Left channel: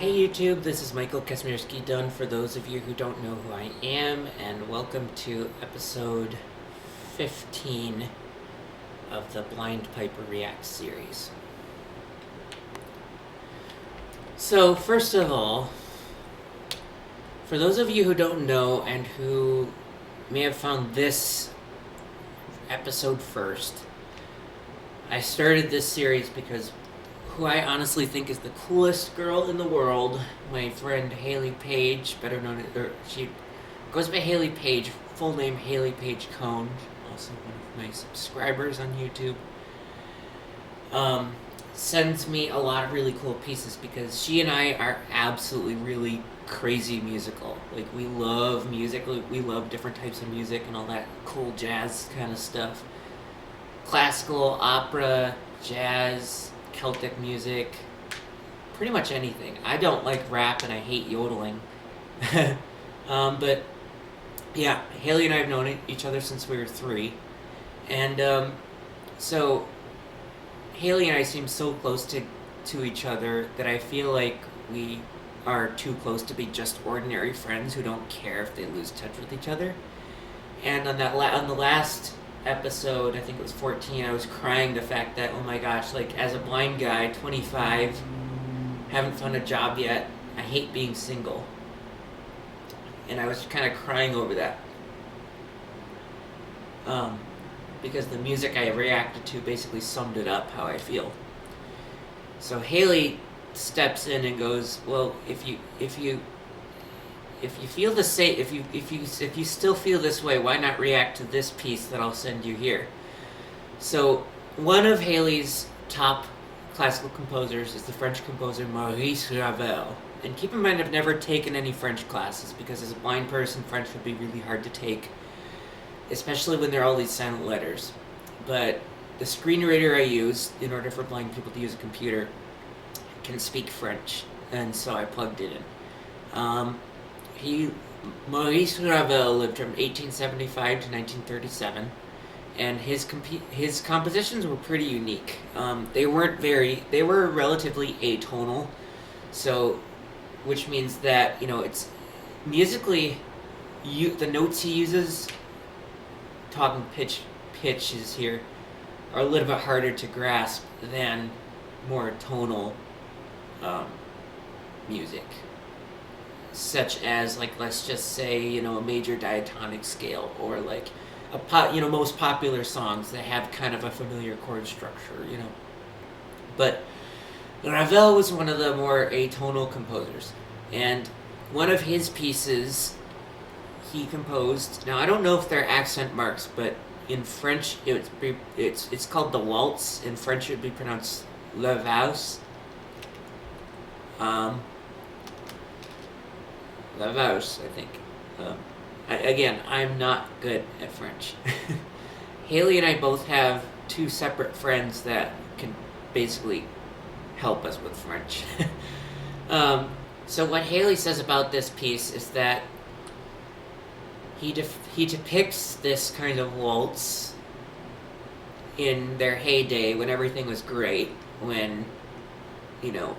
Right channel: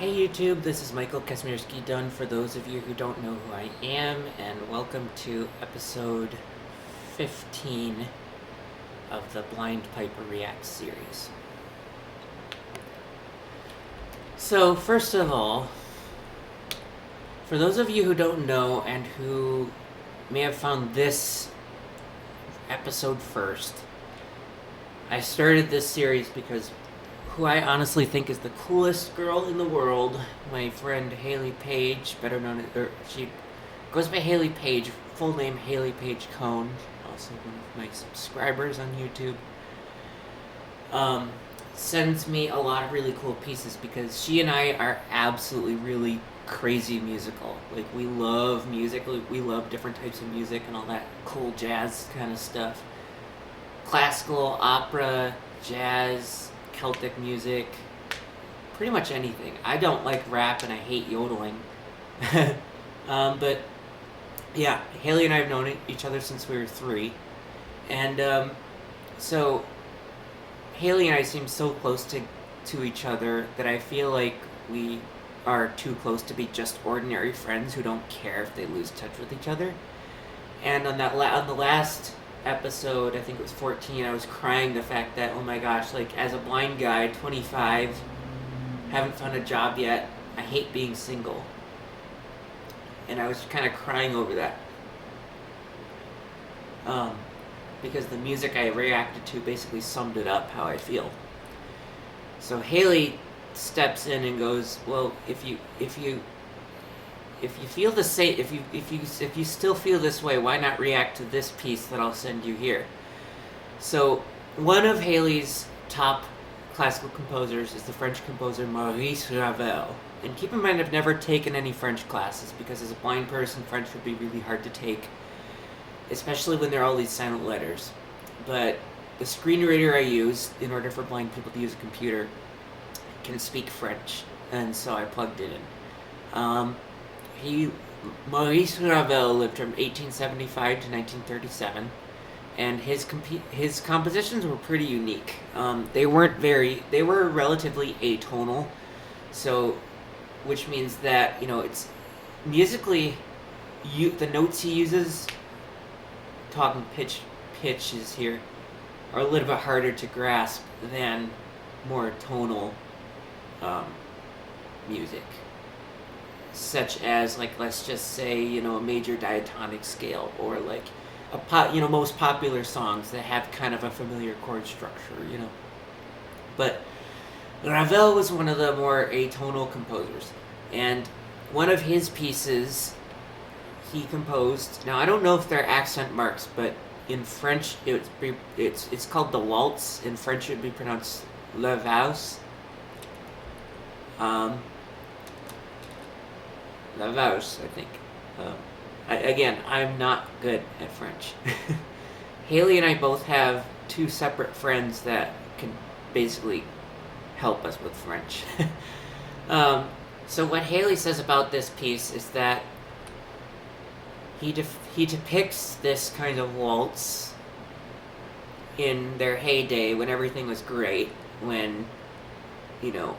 Hey YouTube, this is Michael Kazmierski Dunn for those of you who don't know who I am, and welcome to episode 15 of the Blind Piper Reacts series. So, first of all, for those of you who don't know and who may have found this episode first, I started this series because who I honestly think is the coolest girl in the world, my friend Hailey Page, better known as, she goes by Hailey Page, full name Hailey Page Cone, also one of my subscribers on YouTube, sends me a lot of really cool pieces because she and I are absolutely really crazy musical. Like, we love music, we love different types of music and all that cool jazz kind of stuff. Classical, opera, jazz, Celtic music, pretty much anything. I don't like rap and I hate yodeling. But yeah, Hailey and I have known each other since we were 3. And so Hailey and I seem so close to each other that I feel like we are too close to be just ordinary friends who don't care if they lose touch with each other. And on the last episode, I think it was 14, I was crying the fact that, oh my gosh, like, as a blind guy, 25, haven't found a job yet, I hate being single. And I was kind of crying over that. Because the music I reacted to basically summed it up how I feel. So Hailey steps in and goes, well, if you feel the same, if you still feel this way, why not react to this piece that I'll send you here? So one of Hailey's top classical composers is the French composer Maurice Ravel. And keep in mind, I've never taken any French classes because as a blind person, French would be really hard to take, especially when there are all these silent letters. But the screen reader I use in order for blind people to use a computer can speak French, and so I plugged it in. Maurice Ravel lived from 1875 to 1937, and his compositions were pretty unique. They were relatively atonal, so, which means that, it's musically, the notes he uses, talking pitches here, are a little bit harder to grasp than more tonal music, such as, like, let's just say, a major diatonic scale, or like most popular songs that have kind of a familiar chord structure, But Ravel was one of the more atonal composers, and one of his pieces he composed. Now, I don't know if they're accent marks, but in French it's called the waltz. In French, it would be pronounced la valse. La Valse, I think. I'm not good at French. Hailey and I both have 2 separate friends that can basically help us with French. So what Hailey says about this piece is that he depicts this kind of waltz in their heyday when everything was great, when, in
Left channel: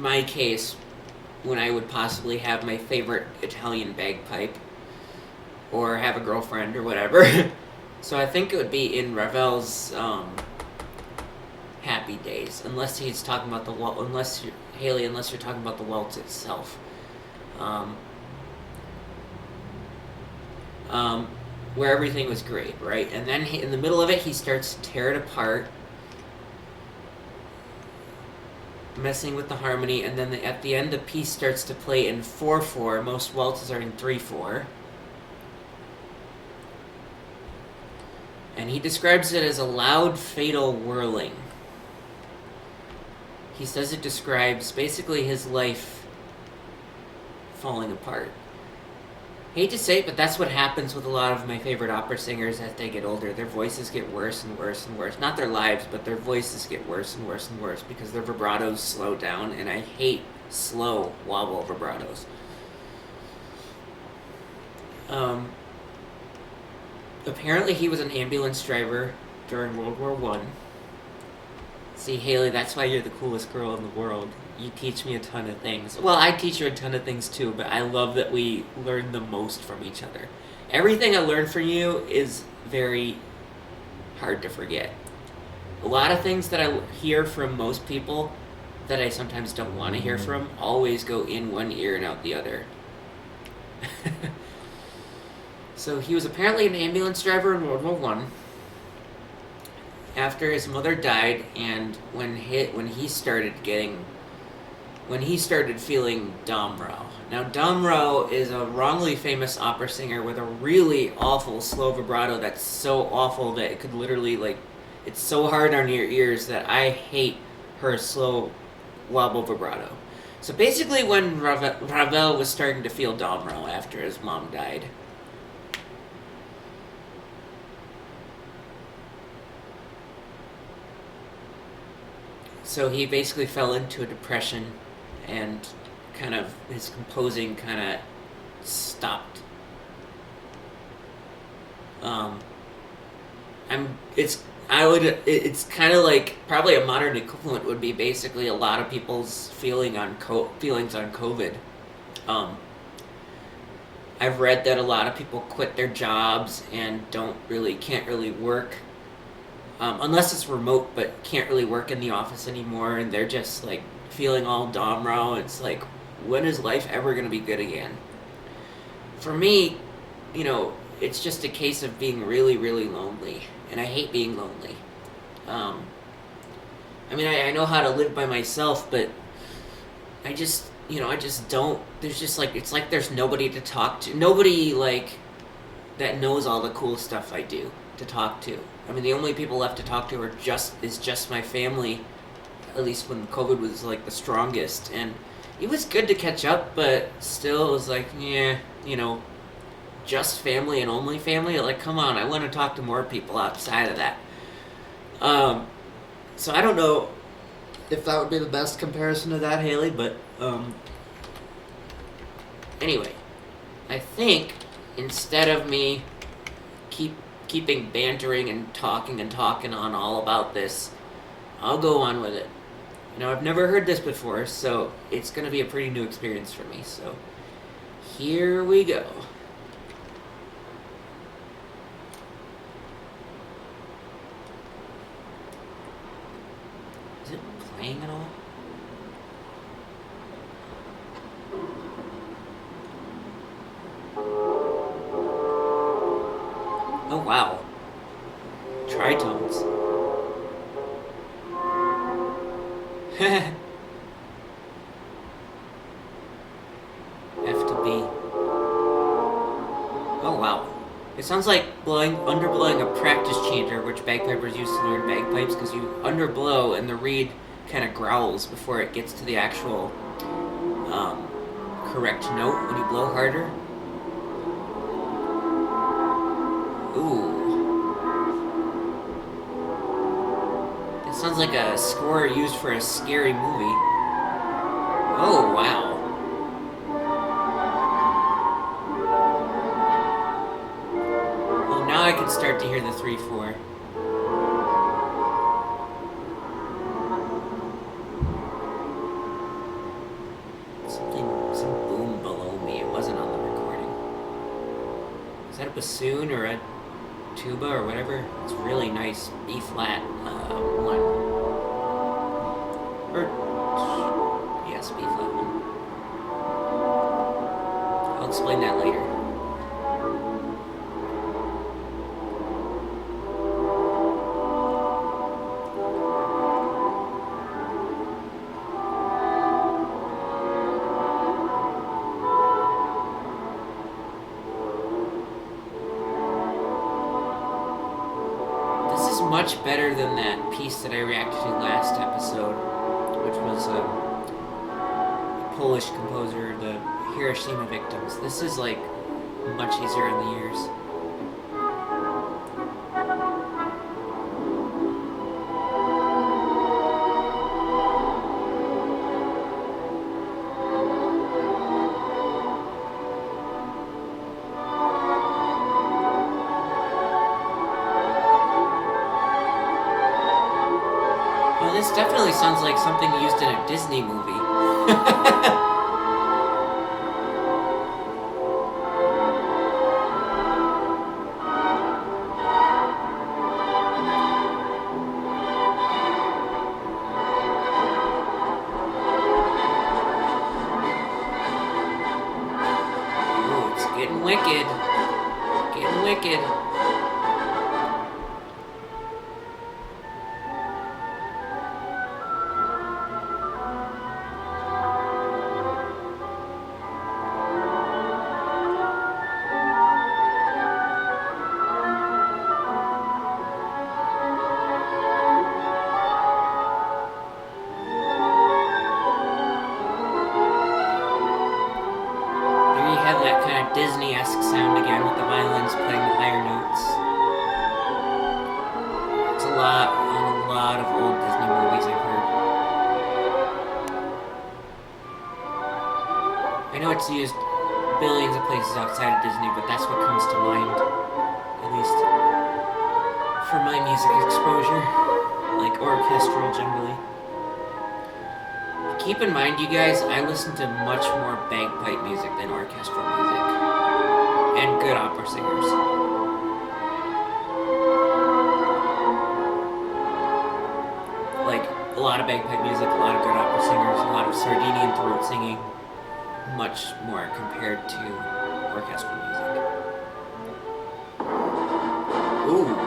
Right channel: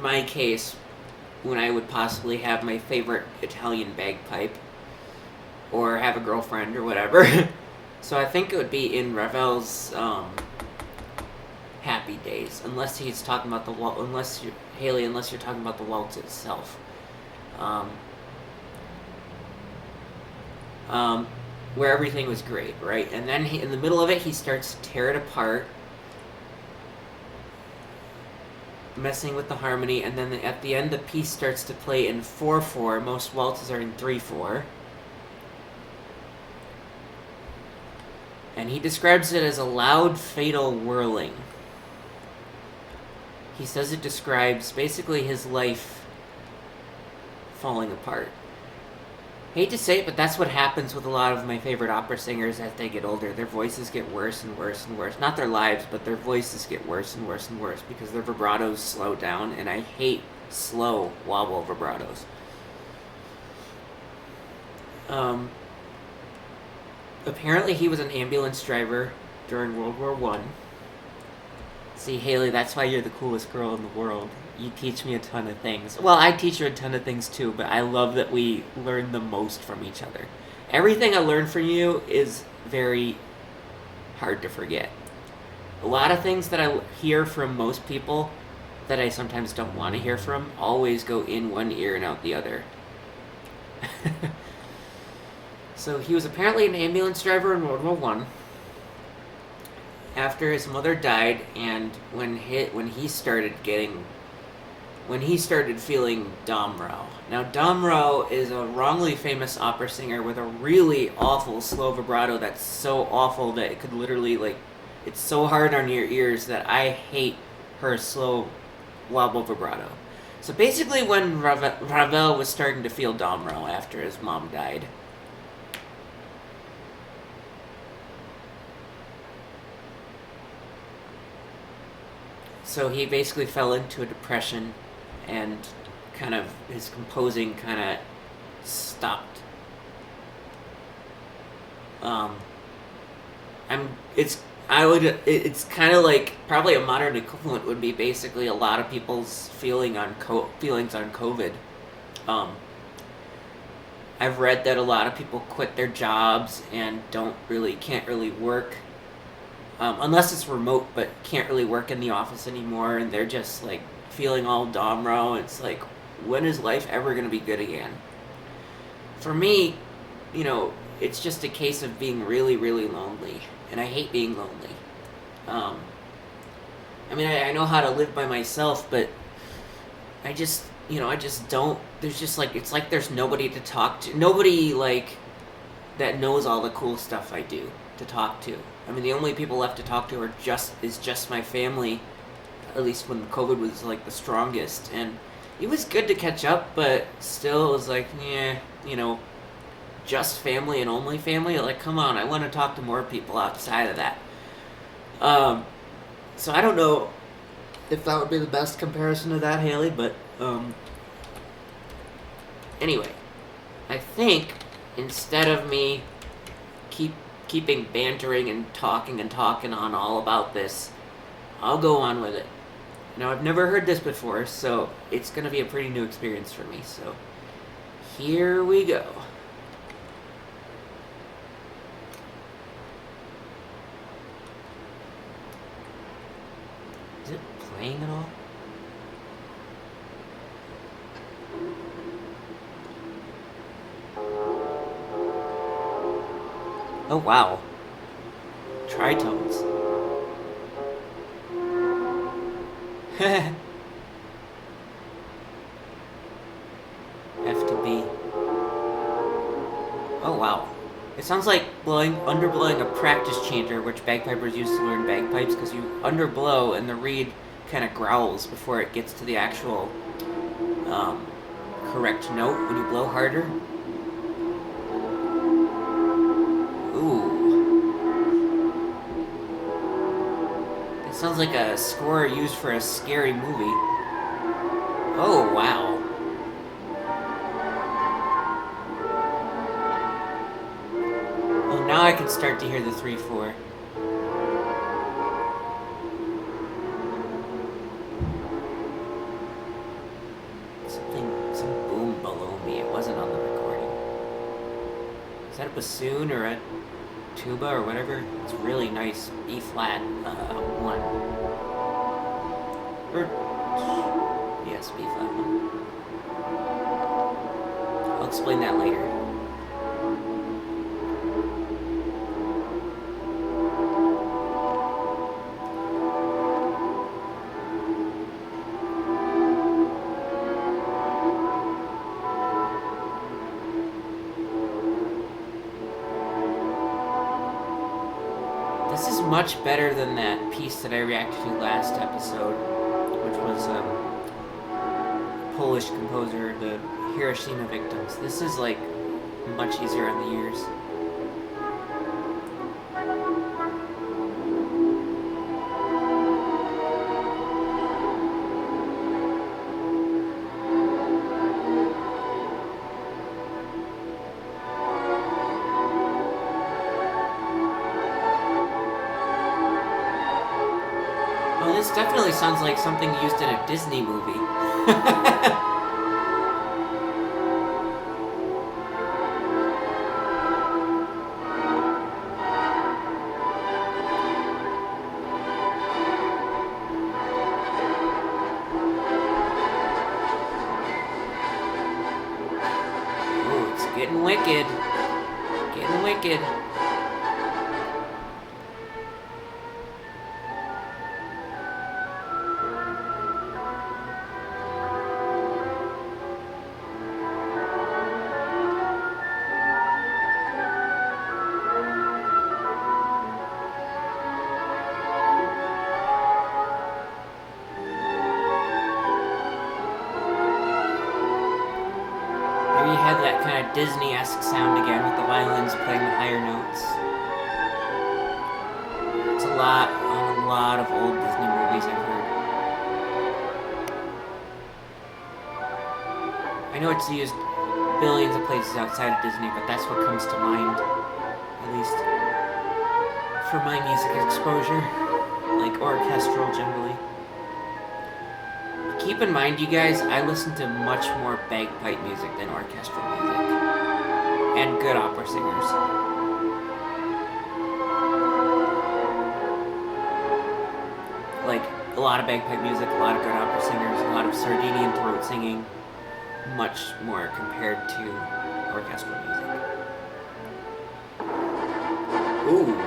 my case, when I would possibly have my favorite Italian bagpipe, or have a girlfriend, or whatever. So I think it would be in Ravel's happy days, unless he's talking about unless you're talking about the waltz itself. Where everything was great, right? And then in the middle of it, he starts to tear it apart, messing with the harmony, and then at the end the piece starts to play in 4/4. Most waltzes are in 3/4. And he describes it as a loud, fatal whirling. He says it describes basically his life falling apart. Hate to say it, but that's what happens with a lot of my favorite opera singers as they get older. Their voices get worse and worse and worse. Not their lives, but their voices get worse and worse and worse because their vibratos slow down, and I hate slow wobble vibratos. Apparently he was an ambulance driver during World War I. See, Hailey, that's why you're the coolest girl in the world. You teach me a ton of things. Well, I teach you a ton of things too, but I love that we learn the most from each other. Everything I learned from you is very hard to forget. A lot of things that I hear from most people that I sometimes don't want to hear from always go in one ear and out the other. So he was apparently an ambulance driver in World War One. After his mother died, and when he started feeling Domro. Now Domro is a wrongly famous opera singer with a really awful slow vibrato that's so awful that it could literally it's so hard on your ears that I hate her slow wobble vibrato. So basically, when Ravel was starting to feel Domro after his mom died. So he basically fell into a depression, and kind of his composing kind of stopped. Um, it's kind of like probably a modern equivalent would be basically a lot of people's feelings on COVID. Um, I've read that a lot of people quit their jobs and can't really work unless it's remote, but can't really work in the office anymore, and they're just like feeling all domro. It's like, when is life ever going to be good again? For me, it's just a case of being really, really lonely, and I hate being lonely. Um, I know how to live by myself, but I just don't. There's just it's like there's nobody to talk to. Nobody that knows all the cool stuff I do to talk to. The only people left to talk to is just my family. At least when COVID was the strongest, and it was good to catch up, but still it was just family and only family. Come on, I want to talk to more people outside of that. So I don't know if that would be the best comparison to that, Hailey, but anyway, I think instead of me keeping bantering and talking on all about this, I'll go on with it. I've never heard this before, so it's going to be a pretty new experience for me. So here we go. Is it playing at all? Oh, wow. Tritones. F to B. Oh, wow. It sounds like underblowing a practice chanter, which bagpipers use to learn bagpipes, because you underblow and the reed kind of growls before it gets to the actual correct note when you blow harder. Ooh. It sounds like a score used for a scary movie. Oh, wow. Well, now I can start to hear the 3/4. Some boom below me. It wasn't on the recording. Is that a bassoon or a tuba or whatever? It's really nice. B flat 1. Or yes, B flat 1. I'll explain that later. Much better than that piece that I reacted to last episode, which was Polish composer, the Hiroshima victims. This is much easier on the ears. This definitely sounds like something used in a Disney movie. Ooh, it's getting wicked. Getting wicked. There you have that kind of Disney-esque sound again with the violins playing the higher notes. It's a lot on a lot of old Disney movies I've heard. I know it's used billions of places outside of Disney, but that's what comes to mind, at least for my music exposure, like orchestral generally. Keep in mind, you guys, I listen to much more bagpipe music than orchestral music, and good opera singers. Like, a lot of bagpipe music, a lot of good opera singers, a lot of Sardinian throat singing, much more compared to orchestral music. Ooh.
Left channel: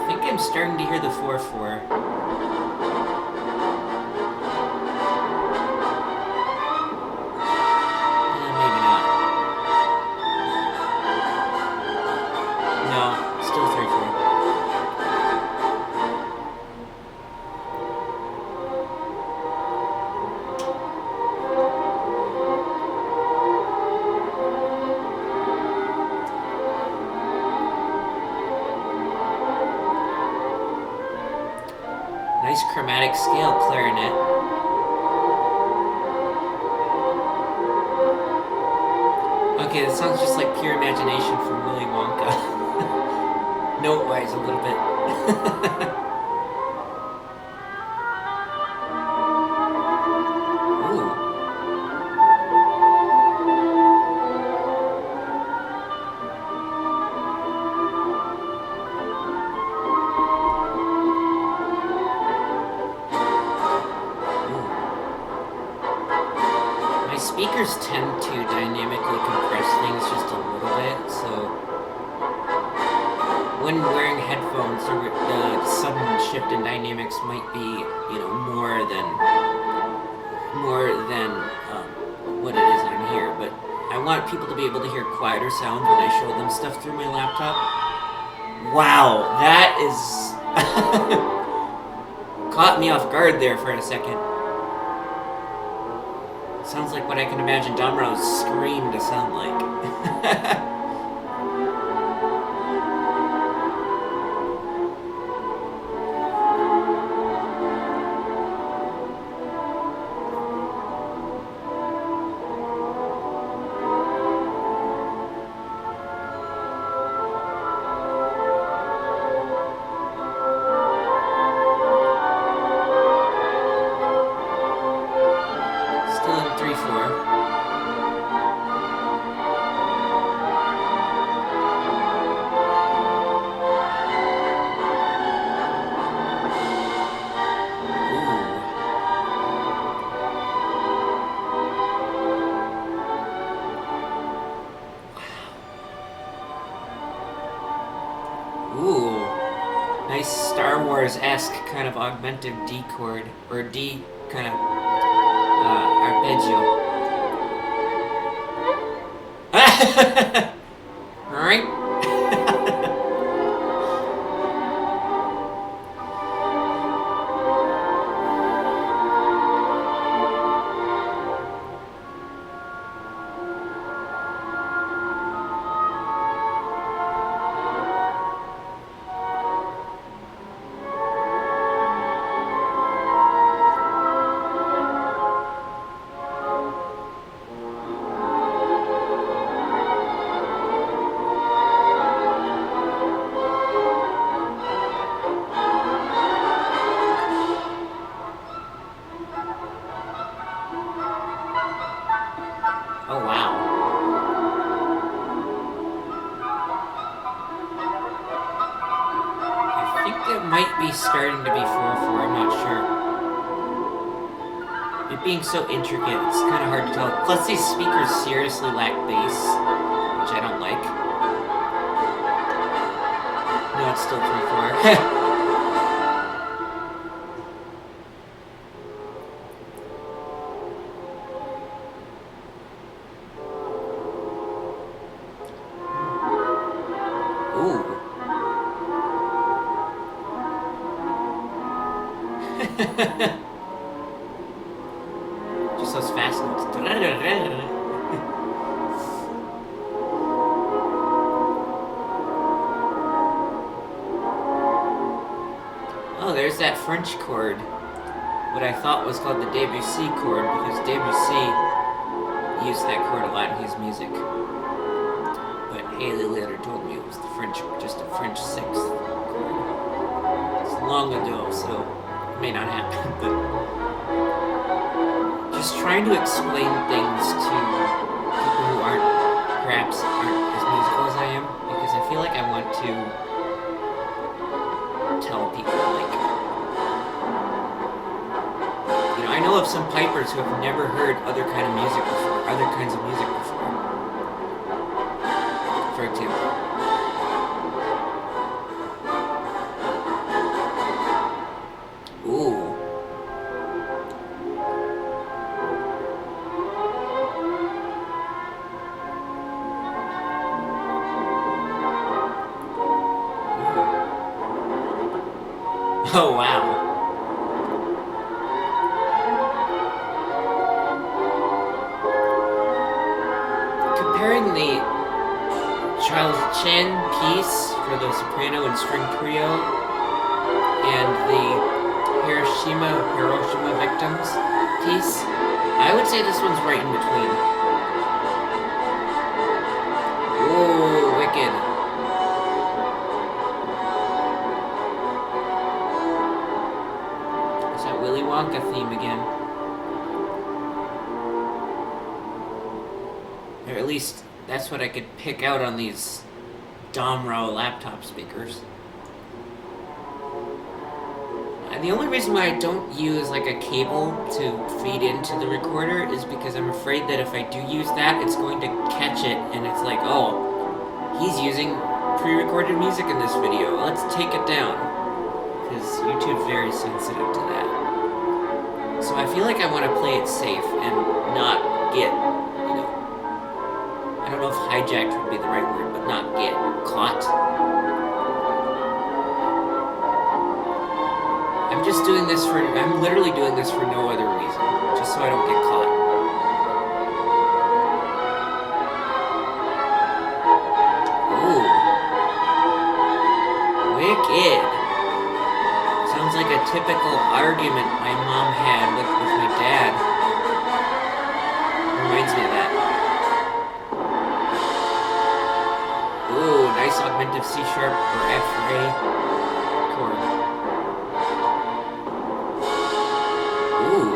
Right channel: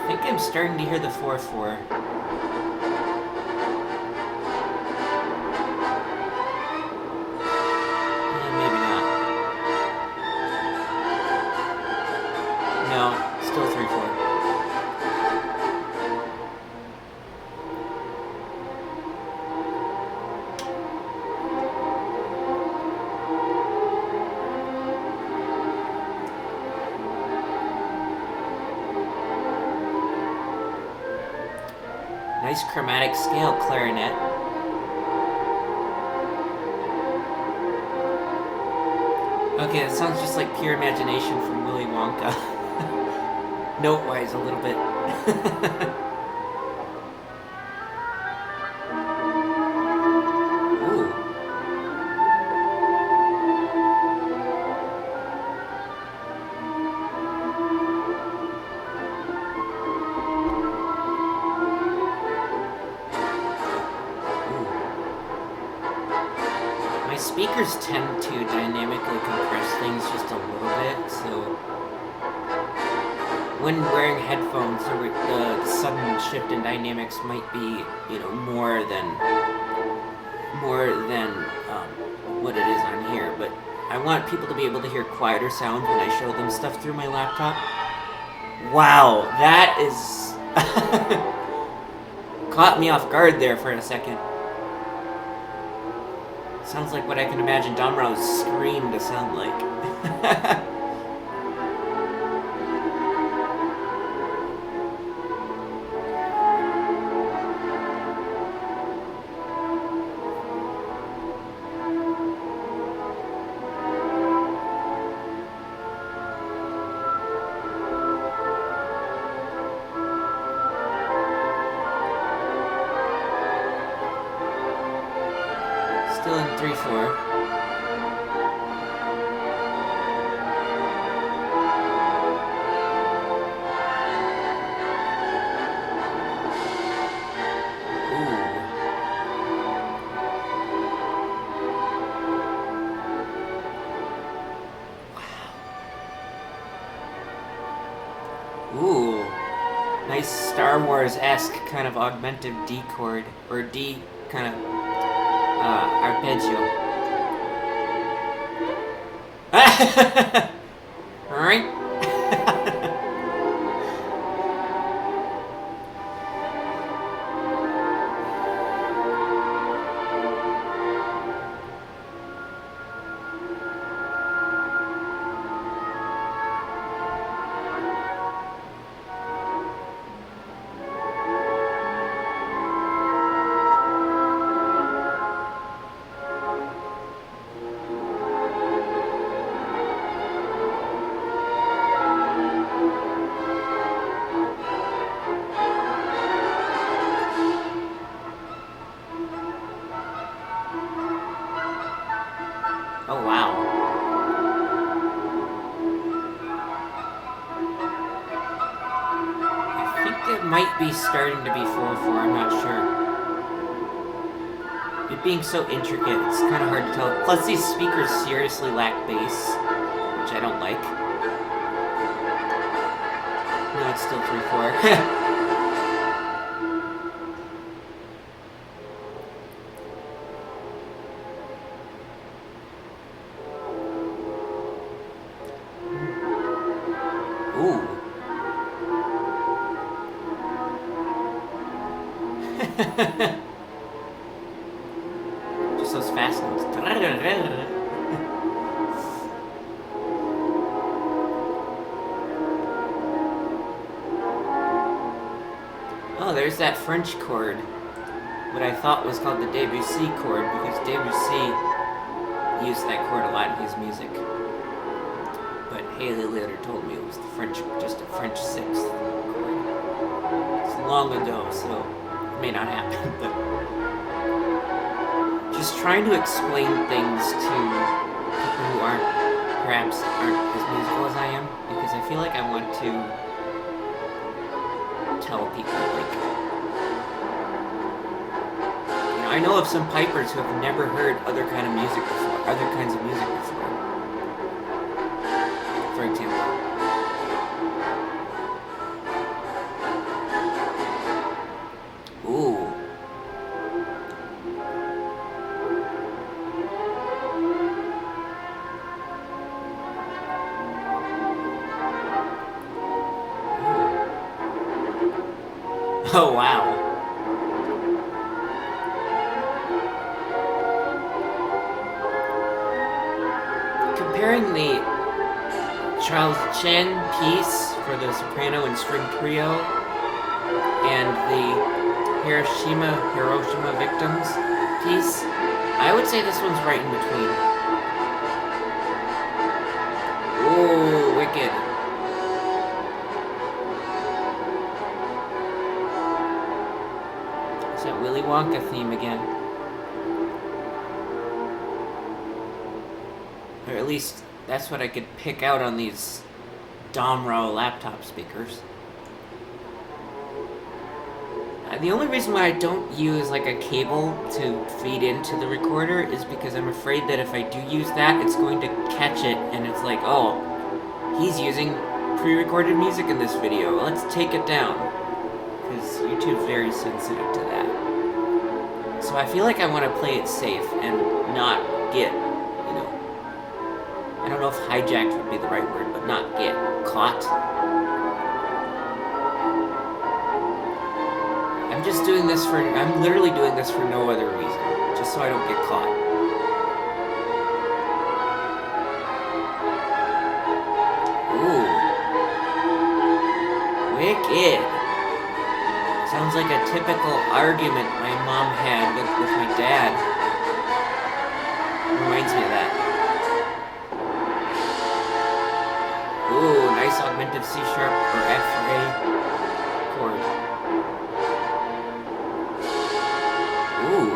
I think I'm starting to hear the 4/4. Maybe not. No, still 3/4. Nice chromatic scale clarinet. Okay, that sounds just like pure imagination from Willy Wonka. Note-wise, a little bit. Ooh. My speakers tend to dynamically compress things just a little bit, so when wearing headphones, the sudden shift in dynamics might be, more than what it is on here. But I want people to be able to hear quieter sounds when I show them stuff through my laptop. Wow, that is caught me off guard there for a second. Sounds like what I can imagine Domro's scream to sound like. Still in 3/4. Ooh, nice Star Wars-esque kind of augmented D chord, or D kind of arpeggio. Alright. it might be starting to be 4/4. I'm not sure. It being so intricate, it's kind of hard to tell. Plus, these speakers seriously lack bass, which I don't like. No, it's still 3/4. Ooh. Just those fast notes. Oh, there's that French chord. What I thought was called the Debussy chord, because Debussy used that chord a lot in his music. But Hailey later told me it was the French, just a French sixth chord. It's long ago, so it may not happen, but just trying to explain things to people who perhaps aren't as musical as I am, because I feel like I want to tell people, like, you know, I know of some pipers who have never heard other kinds of music before, for example. Ooh. Oh, wow. Comparing the Charles Chen piece for the soprano and string trio and the Hiroshima Victims piece, I would say this one's right in between. Ooh, wicked. It's that Willy Wonka theme again. Or at least that's what I could pick out on these Domro laptop speakers. The only reason why I don't use like a cable to feed into the recorder is because I'm afraid that if I do use that, it's going to catch it and it's like, oh, he's using pre-recorded music in this video. Let's take it down. Because YouTube's very sensitive to that. So I feel like I want to play it safe and not get, you know, I don't know if hijacked would be the right word, but not get caught. I'm literally doing this for no other reason, just so I don't get caught. Ooh. Wicked. Sounds like a typical argument my mom had with my dad. Reminds me of that. Ooh, nice augmentive C sharp or F or A chord. Ooh.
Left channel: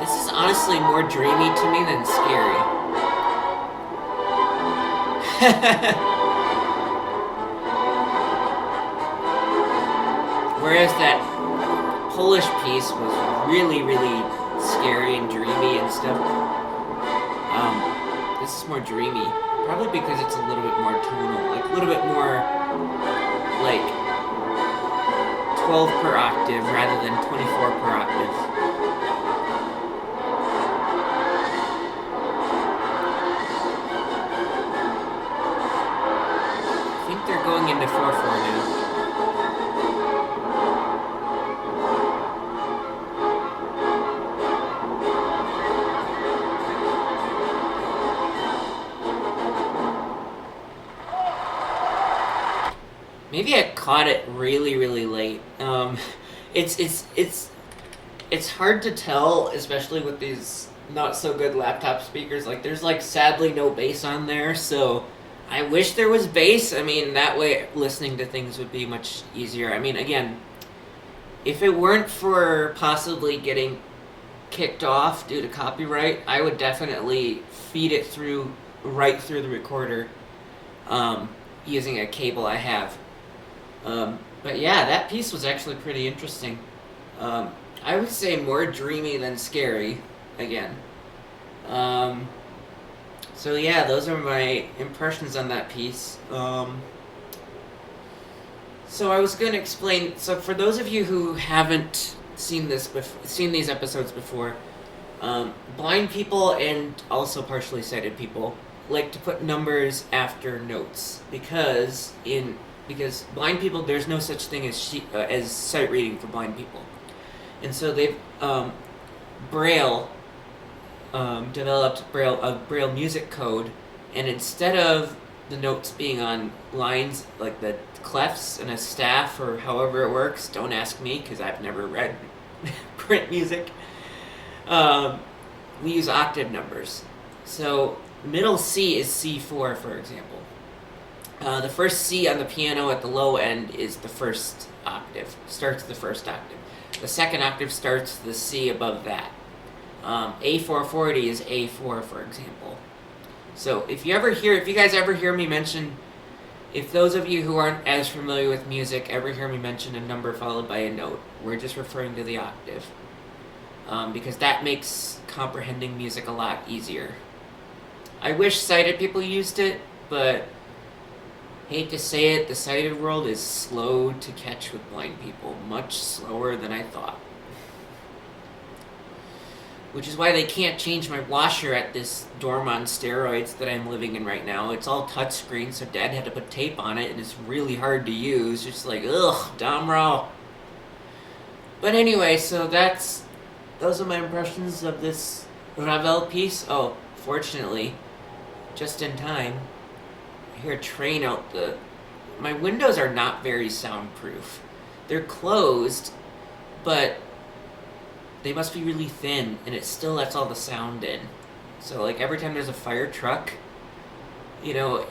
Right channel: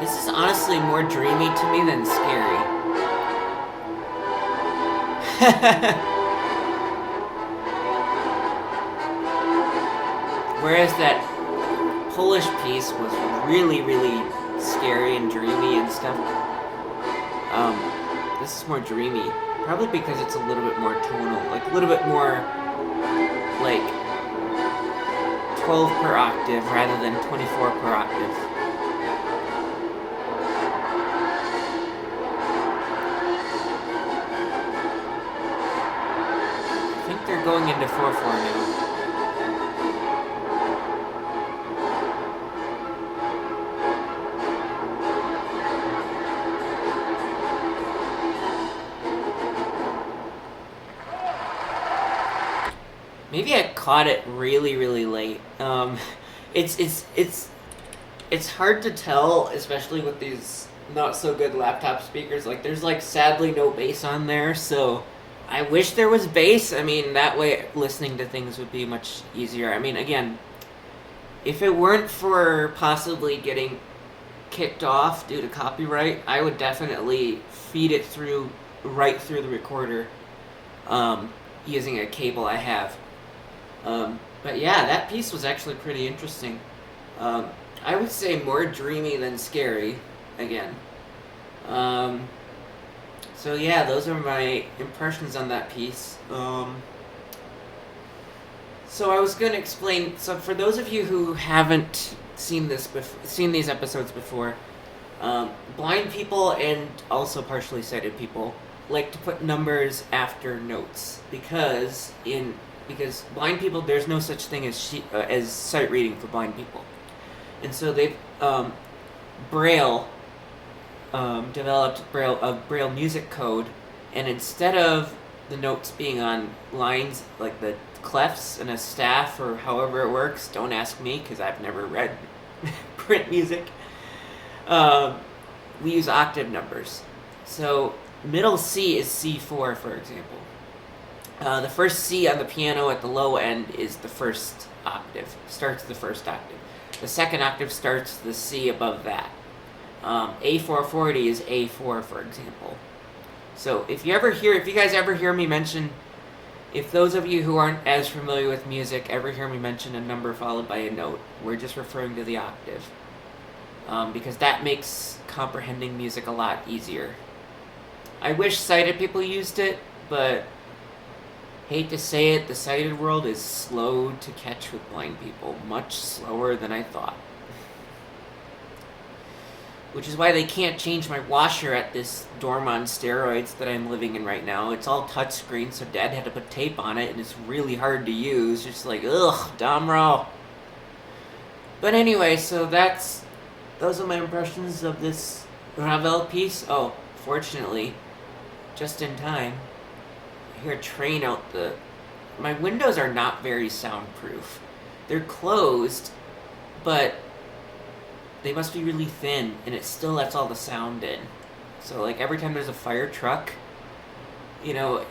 This is honestly more dreamy to me than scary. Whereas that Polish piece was really, really scary and dreamy and stuff. This is more dreamy. Probably because it's a little bit more tonal. Like, a little bit more, like, 12 per octave rather than 24 per octave. I think they're going into 4/4 now. maybe I caught it really, really late. It's it's it's it's hard to tell, especially with these not so good laptop speakers. Like, there's like sadly no bass on there, so I wish there was bass. I mean, that way listening to things would be much easier. I mean, again, if it weren't for possibly getting kicked off due to copyright, I would definitely feed it through right through the recorder, using a cable I have. But yeah, that piece was actually pretty interesting. I would say more dreamy than scary, again. Um, so yeah, those are my impressions on that piece. So I was going to explain. So for those of you who haven't seen these episodes before, blind people and also partially sighted people like to put numbers after notes because blind people, there's no such thing as sight reading for blind people, and so they've Braille developed Braille music code, and instead of the notes being on lines like the clefs in a staff or however it works, don't ask me because I've never read print music. We use octave numbers. So middle C is C4, for example. The first C on the piano at the low end is the first octave, starts the first octave. The second octave starts the C above that. A440 is A4, for example. So if you guys ever hear me mention, if those of you who aren't as familiar with music ever hear me mention a number followed by a note, we're just referring to the octave. Because that makes comprehending music a lot easier. I wish sighted people used it, but hate to say it, the sighted world is slow to catch with blind people, much slower than I thought. Which is why they can't change my washer at this dorm on steroids that I'm living in right now. It's all touchscreen, so Dad had to put tape on it, and it's really hard to use. Just like, ugh, Domro. But anyway, so those are my impressions of this Ravel piece. Oh, fortunately, just in time, I hear a train out my windows are not very soundproof. They're closed, but they must be really thin, and it still lets all the sound in. So, like, every time there's a fire truck, you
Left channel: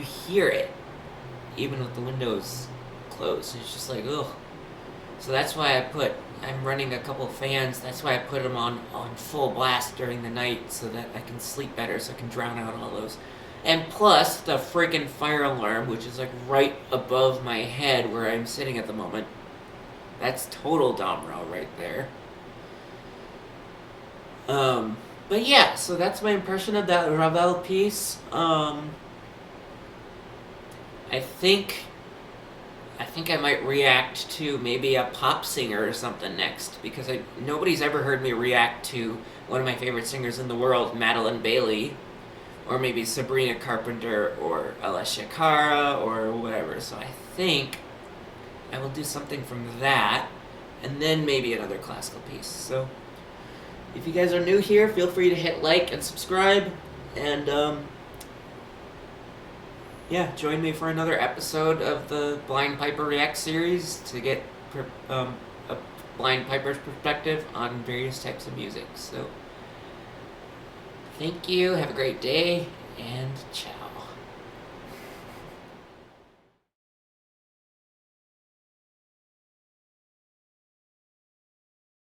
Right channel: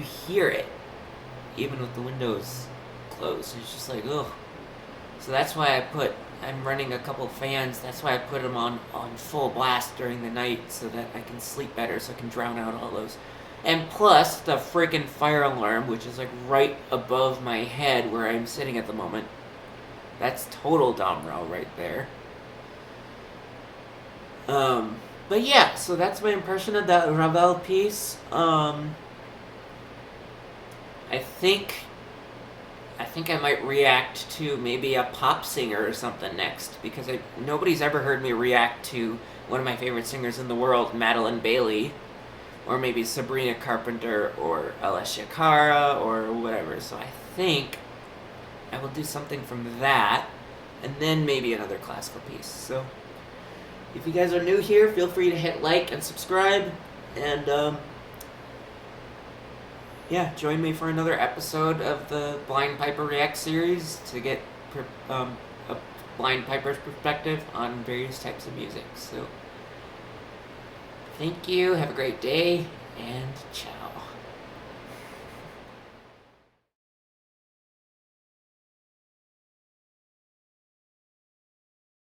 hear it, even with the windows closed. It's just like, ugh. So that's why I'm running a couple fans. That's why I put them on full blast during the night, so that I can sleep better, so I can drown out all those. And plus, the freaking fire alarm, which is, like, right above my head where I'm sitting at the moment. That's total Domro right there. But yeah, so that's my impression of that Ravel piece. I think I might react to maybe a pop singer or something next, because nobody's ever heard me react to one of my favorite singers in the world, Madilyn Bailey, or maybe Sabrina Carpenter, or Alessia Cara, or whatever. So I think I will do something from that, and then maybe another classical piece. So if you guys are new here, feel free to hit like and subscribe, and join me for another episode of the Blind Piper React series to get a blind piper's perspective on various types of music. So thank you, have a great day, and ciao.